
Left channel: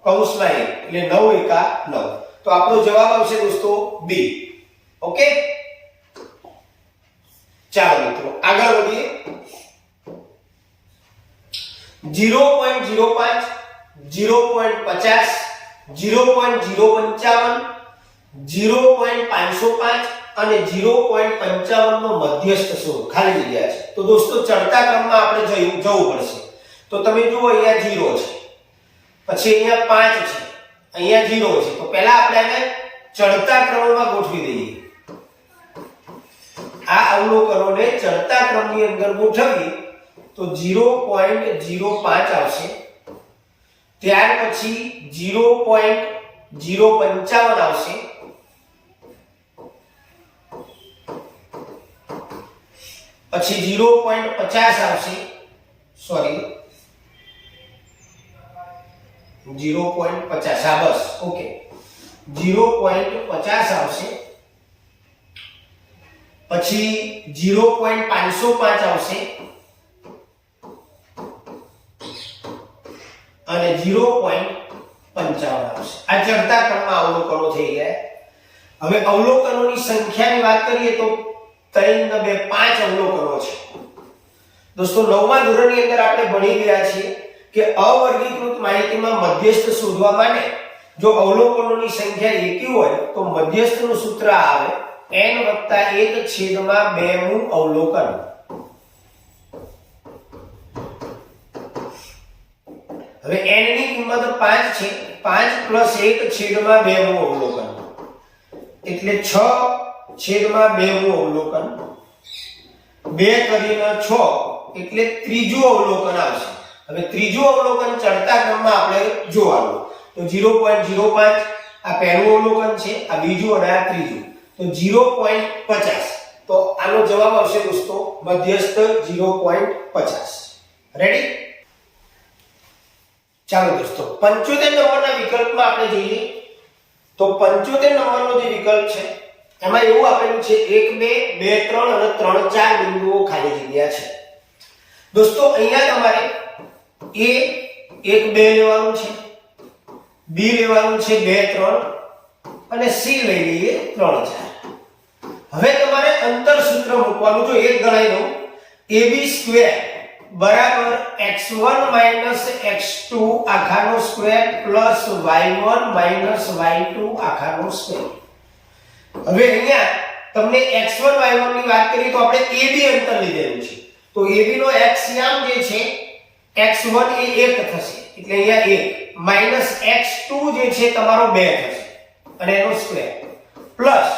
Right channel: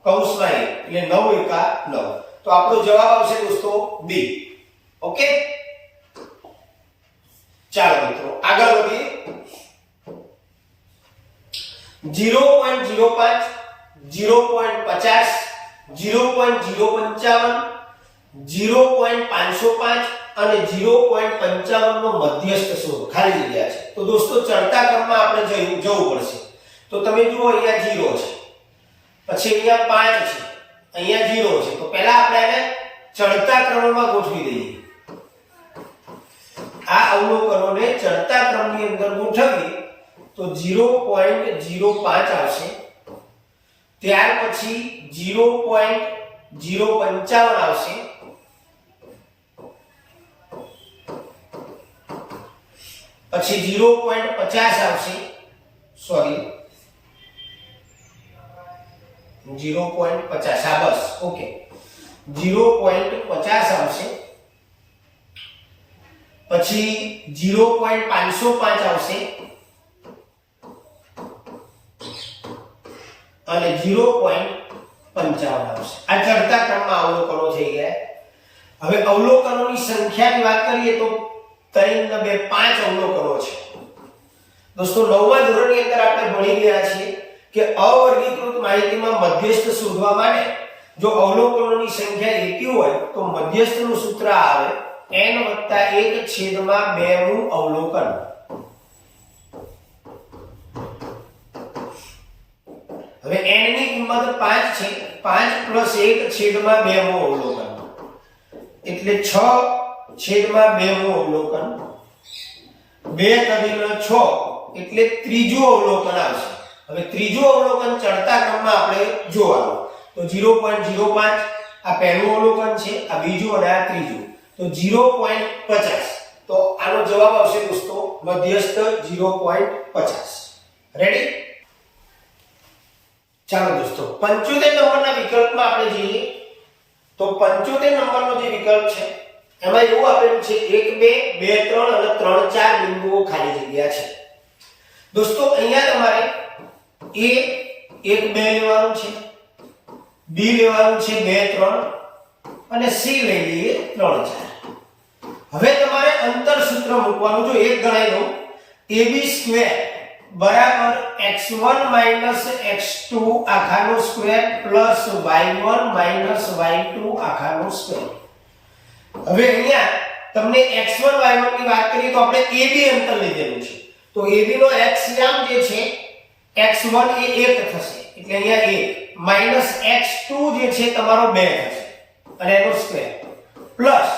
કૌંસમાં 1 એટલે 9 એકા 9. તો આપણો જવાબ આવશે દોસ્તો B. ઓકે, ચાલો મિત્રો આગળ વધીએ. 0.05 0.50 0.055 0.505 અને 0.55 નો મધ્યસ્થ શોધ ખાલી જગ્યા છે. તો દોસ્તો ચડતા ક્રમમાં આપણે જવું પડશે. તો તમે જુઓ અહીંયા 0 છે, પછી અહીંયા 5 છે, અહીંયા 0 છે. તો પહેલા આપણે એને ચડતા ક્રમમાં ગોઠવી દઈએ. આ અવલોકનોને ચડતા ક્રમની અંદર ગોઠવીએ તો 0.05 આવશે. ત્યાર પછી 0.055 આવશે, પછી 0.50 આવશે, સોરી 0.50 આ બસ ઓકે 0.50 આવશે, પછી 0.505 આવશે અને 0.55 આવશે. આ ચડતા ક્રમમાં અવલોકનો થઈ ગયા. હવે અવલોકનોની સંખ્યાની વાત કરીએ તો 3 ને 2 5 અવલોકનો છે. દોસ્તો 9મા ધોરણની અંદર આપણે ભણી ગયા છીએ કે અવર્ગીકૃત માહિતીમાં મધ્યસ્થ શોધવા માટે જો અવલોકનોની સંખ્યા એકી હોય તો મધ્યસ્થનું સૂત્ર આવે n + 1/2 મું અવલોકન. હવે n ની કિંમત 5 છે, 5 + 1/2 મું અવલોકન એટલે 6/2 મું અવલોકન. 2 કરીને 6 એટલે ત્રીજું અવલોકન આવશે. હવે ત્રીજું અવલોકન ચડતા ક્રમમાં આપણે જોવાનું. તો 0.05 આ પહેલું અવલોકન છે, આ બીજું અને આ ત્રીજું. તો 0.50. તો આનો જવાબ આવશે દોસ્તો મધ્યસ્થ 0.50. રેડી? ચાલો દોસ્તો 75 નંબરના વિકલ્પમાં આપણે જઈએ. તો 75 નંબરનો જે વિકલ્પ છે એમાં એવું આપેલું છે 1 2 2 3 અને 3 4 બિંદુઓ ખાલી જગ્યા છે. દોસ્તો અહીંયા તમારે A 1 2 લેવાનું છે, B લેવાનું છે 2 3 અને C લઈ લઈએ 3 4. હવે તમારે અંતર સૂત્ર મૂકવાનું. જો એક ગણાઈ દઉં AB² બરાબર x1 - x2 આખાનો સ્ક્વેર પ્લસ y1 - y2 આખાનો સ્ક્વેર. હવે અહીંયા તમને x1 y1 ની વાત કરીએ તો આપણે AB અંતર લીધેલું છે. તો AB નો x યામ જે છે x1 એ 1 થશે એટલે અહીંયા 1 - x2 જે છે તમારો 2 થશે અને એનો સ્ક્વેર પ્લસ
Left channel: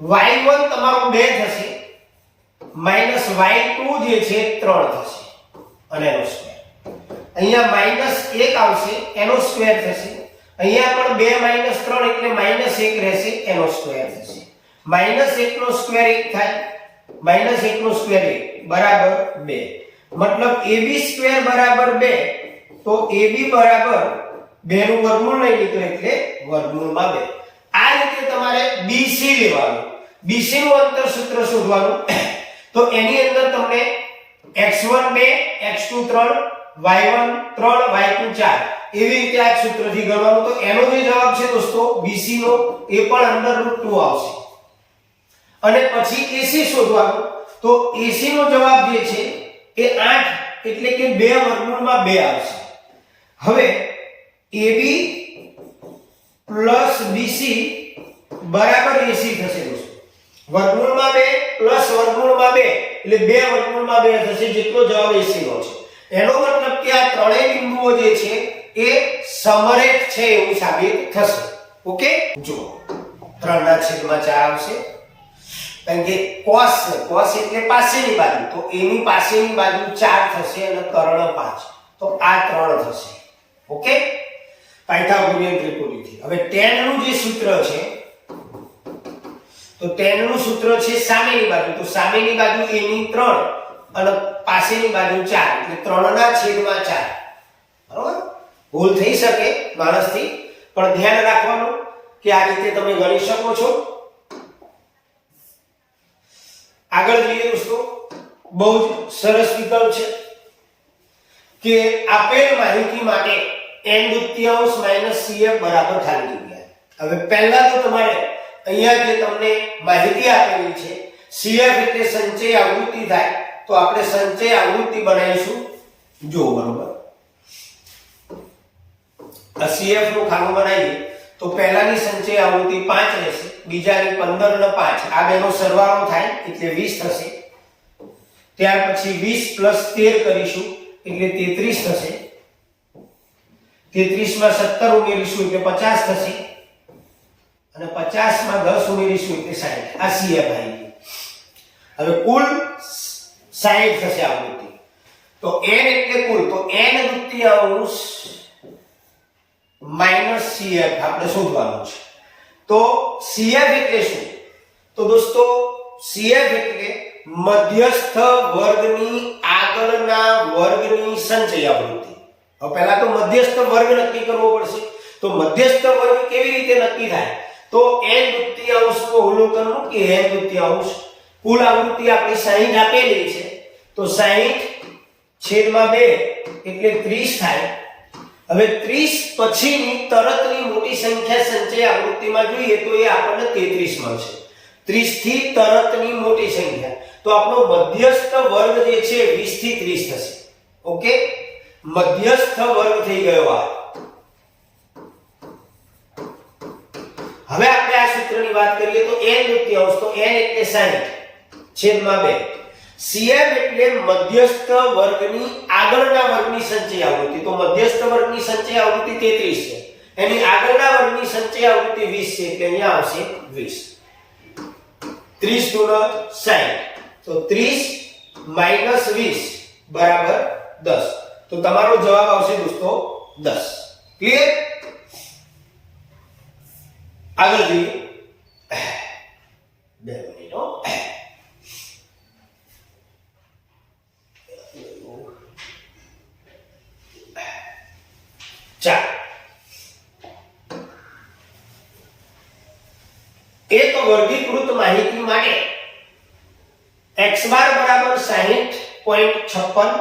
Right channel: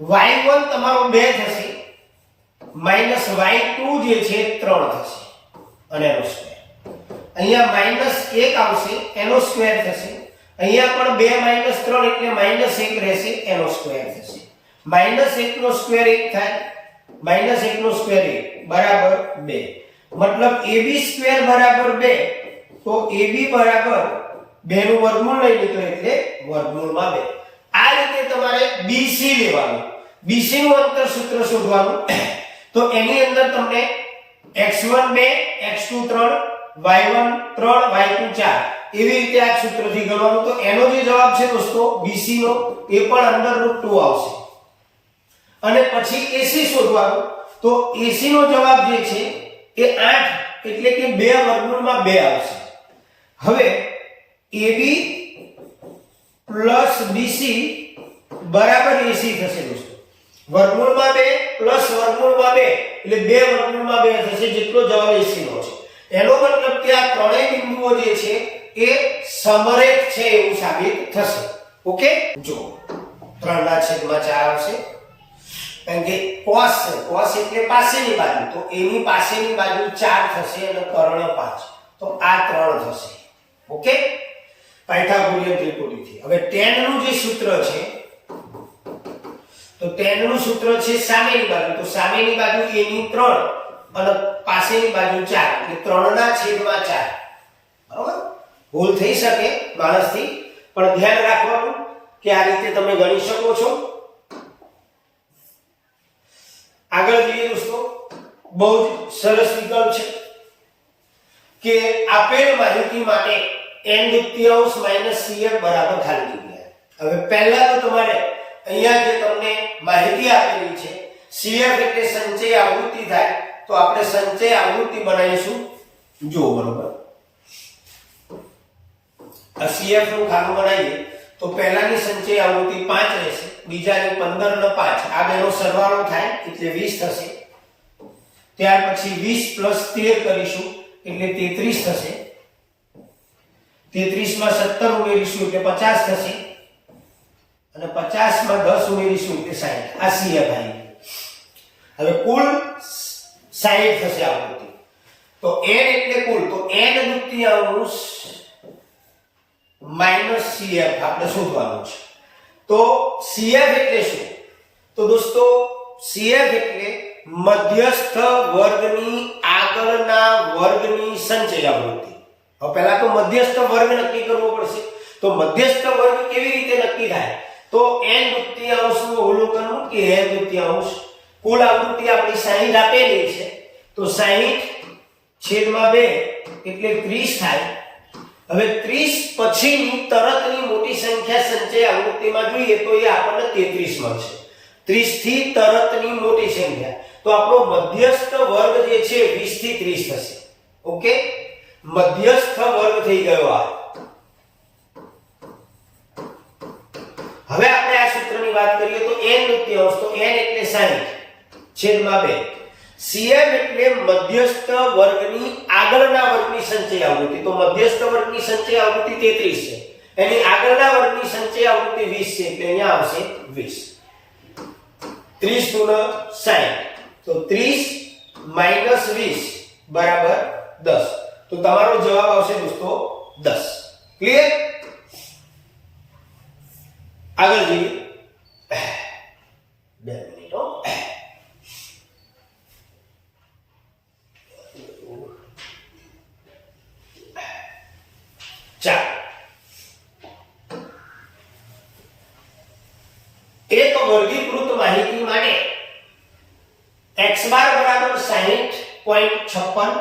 y1 તમારો 2 થશે - y2 જે છે 3 થશે અને એનો સ્ક્વેર. અહીંયા -1 આવશે એનો સ્ક્વેર થશે, અહીંયા પણ 2 - 3 એટલે -1 રહેશે એનો સ્ક્વેર થશે. -1 નો સ્ક્વેર 1 થાય, -1 નો સ્ક્વેર 1 બરાબર 2. મતલબ AB સ્ક્વેર બરાબર 2, તો AB બરાબર 2 નું વર્ગમૂળ નહીં નીકળે એટલે વર્ગમૂળમાં 2. આ રીતે તમારે BC લેવાનું. BC નું અંતર સૂત્ર શોધવાનું. તો એની અંદર તમને x1 2, x2 3, y1 3, y2 4 એવી રીતે આ સૂત્રથી ગણવાનું. તો એનો જે જવાબ છે દોસ્તો BC નો એ પણ √2 આવશે. અને પછી AC શોધવાનું. તો AC નો જવાબ જે છે એ 8 એટલે કે 2 વર્ગમૂળમાં 2 આવશે. હવે AB પ્લસ BC બરાબર AC થશે દોસ્તો. વર્ગમૂળમાં 2 પ્લસ વર્ગમૂળમાં 2 એટલે 2 વર્ગમૂળમાં 2 થશે, જેટલો જવાબ AC નો છે. એનો મતલબ કે આ ત્રણેય બિંદુઓ જે છે એ સમરેખ છે એવું સાબિત થશે. ઓકે, જો 3/4 આવશે, કારણ કે cos છે, cos એટલે પાસેની બાજુ, તો એની પાસેની બાજુ 4 થશે અને કર્ણ 5, તો આ 3 થશે. Okay, Pythagorean ત્રિકોણથી. હવે tan નું જે સૂત્ર છે, તો tan નું સૂત્ર છે સામેની બાજુ, તો સામેની બાજુ a ની 3 અને પાસેની બાજુ 4 એટલે 3/4. બરોબર, ભૂલ થઈ શકે માણસથી, પણ ધ્યાન રાખવાનું કે આ રીતે તમે ગણી શકો છો. આગળ જોઈએ દોસ્તો, બહુ જ સરસ વિકલ્પ છે કે આપેલ માહિતી માટે n² - CF બરાબર ખાલી જગ્યા. હવે પહેલા તો તમારે અહીંયા જે તમને માહિતી આપેલી છે CF એટલે સંચય આવૃત્તિ થાય, તો આપણે સંચય આવૃત્તિ બનાવીશું. જો બરોબર, આ CF નું ખાનું બનાવીએ તો પહેલાની સંચય આવૃત્તિ 5 રહેશે, બીજાની 15 અને 5 આ બેનો સરવાળો થાય એટલે 20 થશે. ત્યાર પછી 20 + 13 કરીશું એટલે 33 થશે. 33 માં 17 ઉમેરીશું એટલે 50 થશે, અને 50 માં 10 ઉમેરીશું એટલે 60. આ CF આવી. હવે કુલ 60 થશે આવૃત્તિ. તો n એટલે કુલ, તો n² - CF આપણે શોધવાનું છે. તો CF એટલે શું? તો દોસ્તો CF એટલે મધ્યસ્થ વર્ગની આગળના વર્ગની સંચય આવૃત્તિ. હવે પહેલા તો મધ્યસ્થ વર્ગ નક્કી કરવો પડશે. તો મધ્યસ્થ વર્ગ કેવી રીતે નક્કી થાય? તો n² નું અવલોકન કે n², કુલ આવૃત્તિ આપણી 60 આપેલી છે, તો 60/2 એટલે 30 થાય. હવે 30 પછીની તરતની મોટી સંખ્યા સંચય આવૃત્તિમાં જોઈએ તો એ આપણને 33 મળશે. 30 થી તરતની મોટી સંખ્યા, તો આપણો મધ્યસ્થ વર્ગ જે છે 20 થી 30 થશે. ઓકે, મધ્યસ્થ વર્ગ થઈ ગયો આ. હવે આપણે આ સૂત્રની વાત કરીએ તો n², તો n એટલે 60/2. CF એટલે મધ્યસ્થ વર્ગની આગળના વર્ગની સંચય આવૃત્તિ. તો મધ્યસ્થ વર્ગની સંચય આવૃત્તિ 33 છે, એની આગળના વર્ગની સંચય આવૃત્તિ 20 છે, એટલે અહીંયા આવશે 20. 30 × 60, તો 30 - 20 બરાબર 10. તો તમારો જવાબ આવશે દોસ્તો 10. ક્લિયર? આગળ જોઈએ. 2 મિનિટ હો. એક વર્ગીકૃત માહિતી માટે x બાર બરાબર 60.56,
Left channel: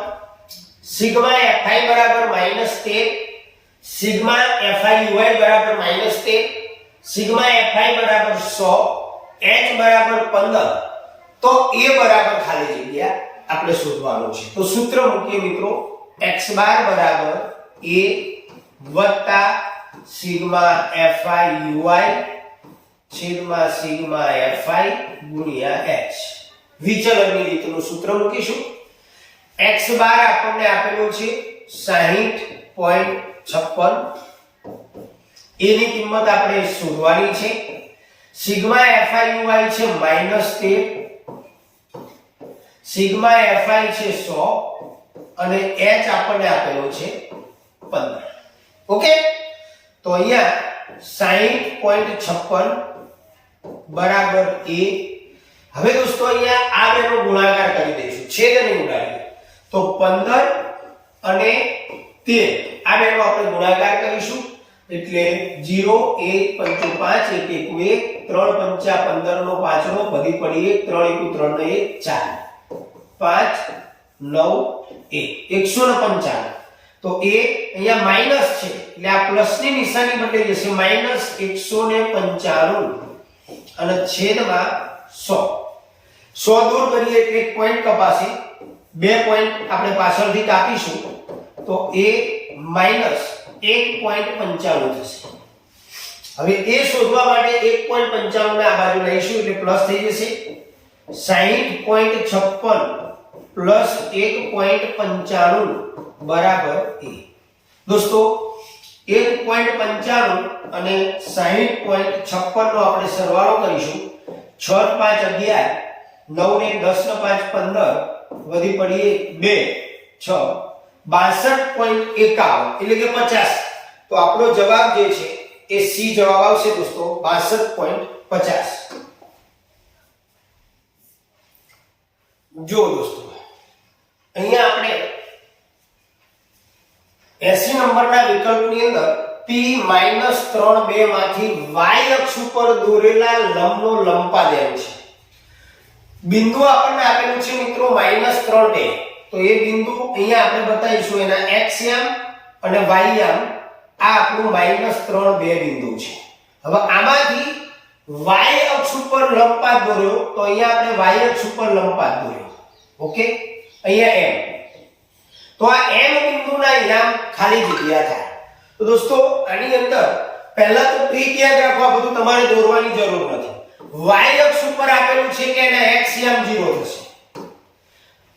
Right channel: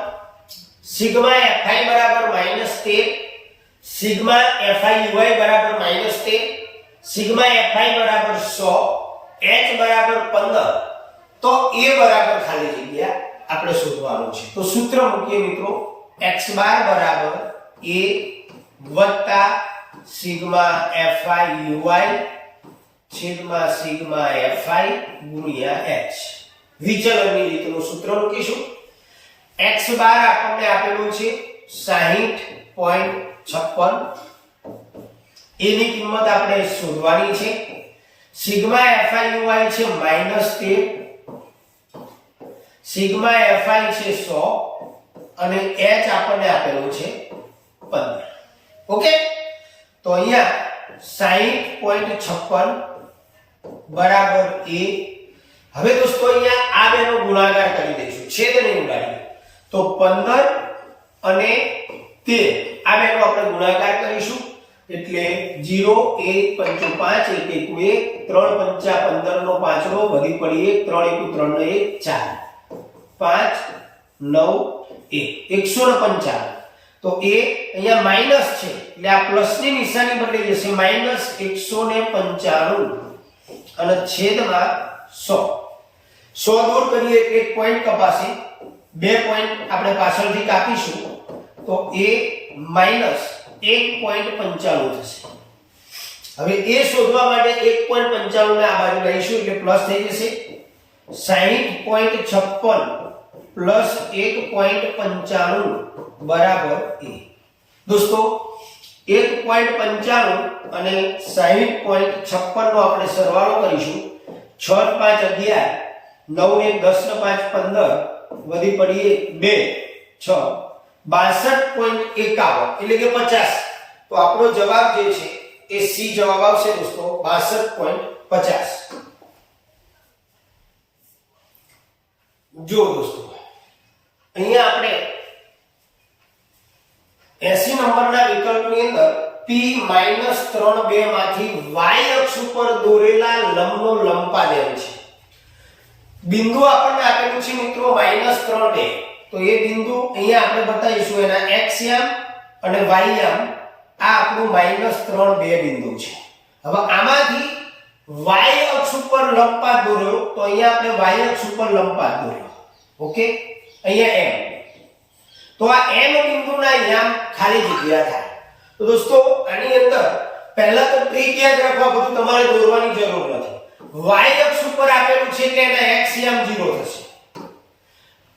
સિગ્મા fi બરાબર -13, સિગ્મા fi uy બરાબર -13, સિગ્મા fi બરાબર 100, h બરાબર 15, તો a બરાબર ખાલી જગ્યા આપણે શોધવાનું છે. તો સૂત્ર મૂકીએ મિત્રો, x બાર બરાબર a વત્તા સિગ્મા fi uy છેદમાં સિગ્મા fi ગુણ્યા h. વિચલનની રીતનું સૂત્ર મૂકીશું. x બાર આપણને આપેલું છે 60.56, એની કિંમત આપણે શોધવાની છે. સિગ્મા fi uy છે -13, સિગ્મા fi છે 100 અને h આપણને આપેલો છે 15 ઓકે તો અહીંયા 60.56 બરાબર a હવે દોસ્તો અહીંયા આ બેનો ગુણાકાર કરી દઈશું છેદ નહીં ઉડાડીએ તો 15 અને 13 આ બેનો આપણે ગુણાકાર કરીશું એટલે 0 1 5 5 1 1 3 5 15 નો 5 નો વધી પડી 1 3 1 3 નો 1 4 5 9 1 155 તો એ અહીંયા માઈનસ છે એટલે આ પ્લસ ની નિશાની બદલાઈ જશે માઈનસ 195 અને છેદમાં 100 100 દૂર કરીએ એટલે એક પોઈન્ટ કપાશે બે પોઈન્ટ આપણે પાછળથી કાપીશું તો એ માઈનસ 1.95 થશે હવે એ શોધવા માટે 1.95 ને આ બાજુ લઈશું એટલે પ્લસ થઈ જશે 60.56 પ્લસ 1.95 બરાબર a દોસ્તો 1.95 અને 60.56 નો આપણે સરવાળો કરીશું 6 5 11 9 ને 10 ને 5 15 વધી પડી 2 6 62.51 એટલે કે 50 તો આપણો જવાબ જે છે એ સી જવાબ આવશે દોસ્તો 62.50 જો દોસ્તો અહીંયા આપણે 80 નંબરના વિકલ્પની અંદર p - 3 માંથી y અક્ષ ઉપર દોરેલા લંબનો લંબાદેશ છે બિંદુ આપણને આપેલું છે મિત્રો -3 2 તો એ બિંદુ અહીંયા આપણે બતાવીશું એના x યામ અને y યામ આ આપણું -3 2 બિંદુ છે હવે આમાંથી y અક્ષ ઉપર લંબપાત દોર્યો તો અહીંયા આપણે y અક્ષ ઉપર લંબપાત દોર્યો ઓકે અહીંયા m તો આ m બિંદુના યામ ખાલી જગ્યા થાય તો દોસ્તો આની અંદર પહેલા તો ટ્રીક યાદ રાખવા બધું તમારે દોરવાની જરૂર નથી y અક્ષ ઉપર આપેલું છે કે એના x યામ 0 થશે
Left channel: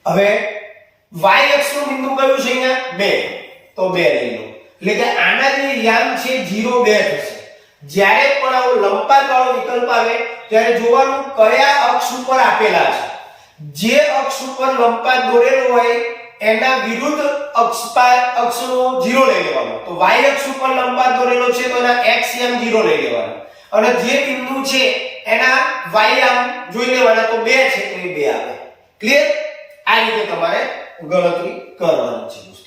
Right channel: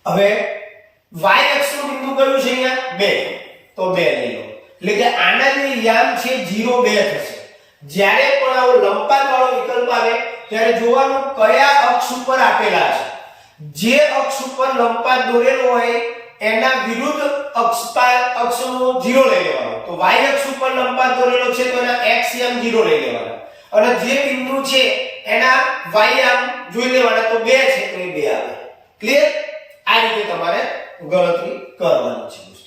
હવે y અક્ષનું બિંદુ કયું છે અહીંયા 2 તો 2 લઈ લો એટલે કે આના જે યામ છે 0 2 થશે જ્યારે પણ આવો લંબપાત વાળો વિકલ્પ આવે ત્યારે જોવાનું કયા અક્ષ ઉપર આપેલા છે જે અક્ષ ઉપર લંબપાત દોરેલો હોય એના વિરુદ્ધ અક્ષનો 0 લઈ લેવાનો તો y અક્ષ ઉપર લંબપાત દોરેલો છે તો એના x યામ 0 લઈ લેવાનો અને જે બિંદુ છે એના y યામ જોઈ લેવાના તો 2 છે તો એ 2 આવે ક્લિયર આ રીતે તમારે ગણતરી કરવાની છે